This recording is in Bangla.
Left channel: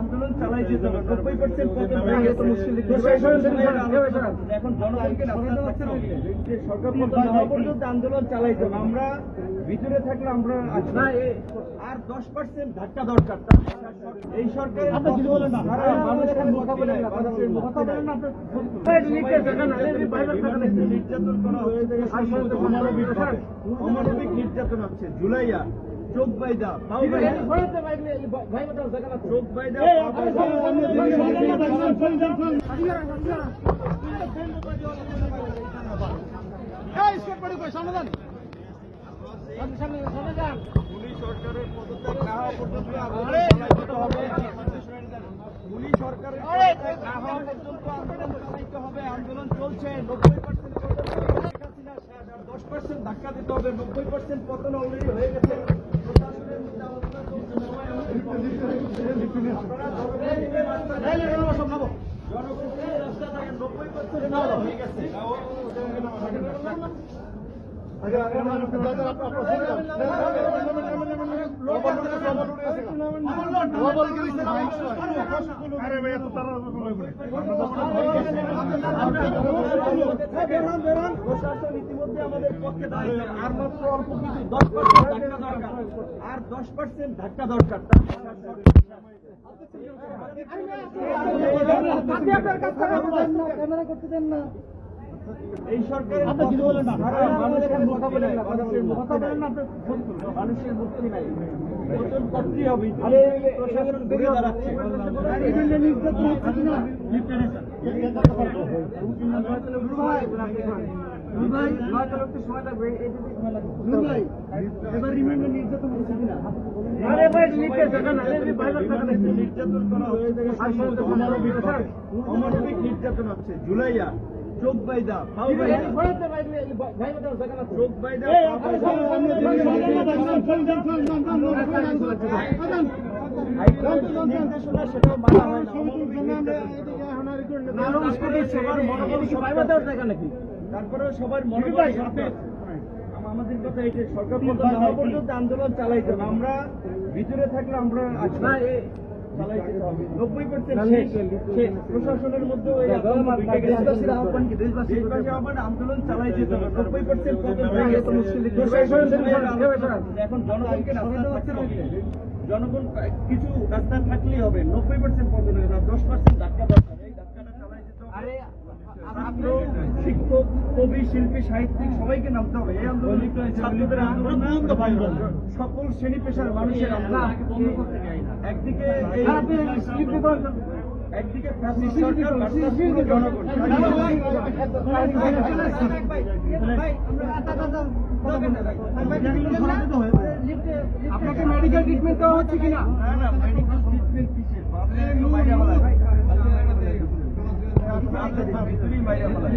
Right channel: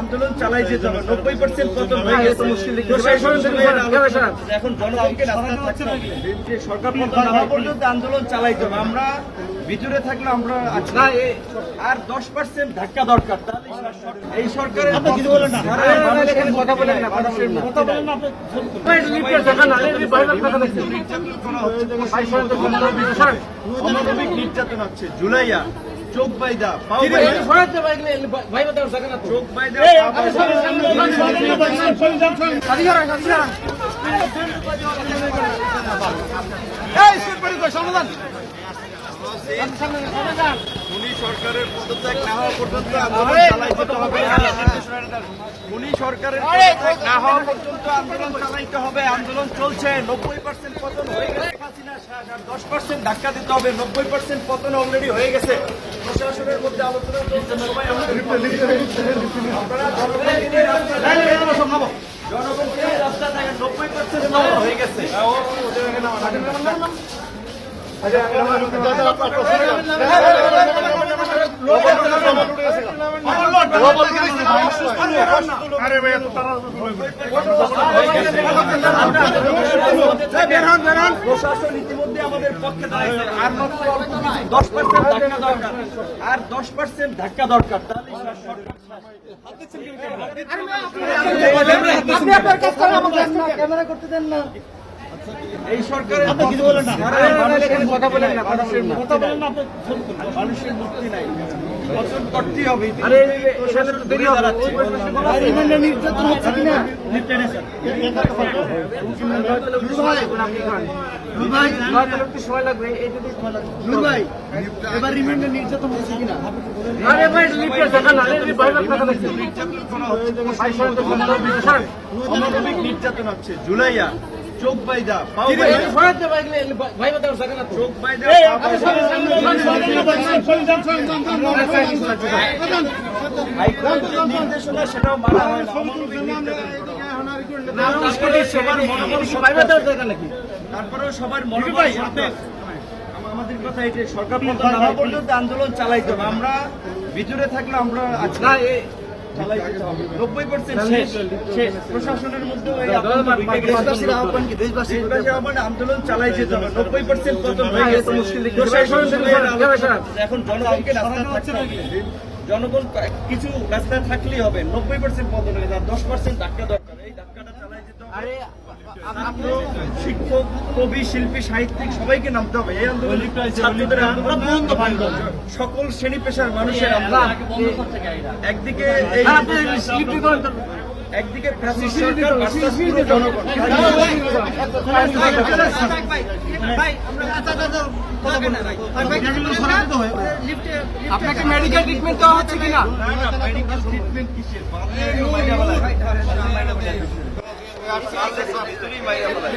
আন্দোলন চালাই যেতে হবে 90% পতন হয়ে গেছে। এখন জনগণকে সরকার পতন না হওয়া পর্যন্ত আন্দোলন চালাইতে হবে। আমরা ভিতরে থাকলে আমরা আর 10% ধাক্কা দরকার। এই সরকারের অমানবিক নির্যাতন হচ্ছে। জুলাইয়া চোখ বাইদা চোখ বাইদা সমাধান সরকারের পদত্যাগ না হওয়া পর্যন্ত সরকারের না হওয়া পর্যন্ত আন্দোলন চালাইতে হবে। আন্দোলন চলছে। 90% পতন হয়ে গেছে। 10% ধাক্কা দিতে হবে। 90% পতন অলরেডি হয়ে গেছে। প্রশাসনের মধ্যে আলোচনা চলছে। সবাই আপনারা জনগণকে রাস্তা থাকেন। 90% পতন হয়ে গেছে। প্রশাসন ইতিমধ্যে আমাদের পক্ষে দাঁড়াইছে। আর মাত্র অল্প কিছু 10% ধাক্কা দরকার। আর 10% ধাক্কা দরকার। ক্যামেরা করতে দেন না। এই সরকারের মানুষের মুক্তি নাই। পতন করতেই হবে। নির্যাতন হচ্ছে কিনা সময় লাগবে। এবার রিমান্ডে নির্যাতন হচ্ছে কিনা অমানবিক নির্যাতন হচ্ছে। জুলাইয়া চোখ বাইদা চোখ বাইদা নির্দেশনা সেটাও মানা হয় না। তারপরেও সবার মনোভাব আমাদের কথা এই যে সরকার পতন না হওয়া পর্যন্ত আন্দোলন চালাইতে হবে। আমরা ভিতরে থাকলে আমরা প্রশাসনের মধ্যে আন্দোলন চালাই যেতে হবে। 90% পতন হয়ে গেছে। এখন জনগণকে জনগণ কিছু রাস্তায় থাকলেই হবে। 90% পতন হয়ে যায়। 10% ধাক্কা দরকার। এই ধাক্কাটা চালাই যেতে হবে। শিক্ষক, কবি, শিল্পী, সাহিত্যিক সবাইকে নামতে হবে। এই আন্দোলন ছাত্রদের আন্দোলন, সকল শ্রেণী পেশার মানুষের আন্দোলন। একদিকে একদিকে ফ্যাসিস্ট সরকার ভার্সাস পুরো জনগণ। আপনাকে মেডিকেল ট্রিটমেন্ট দেওয়া হচ্ছে কিনা? মেডিকেল ট্রিটমেন্ট কিসের? ভিতরেই মাইরা বলা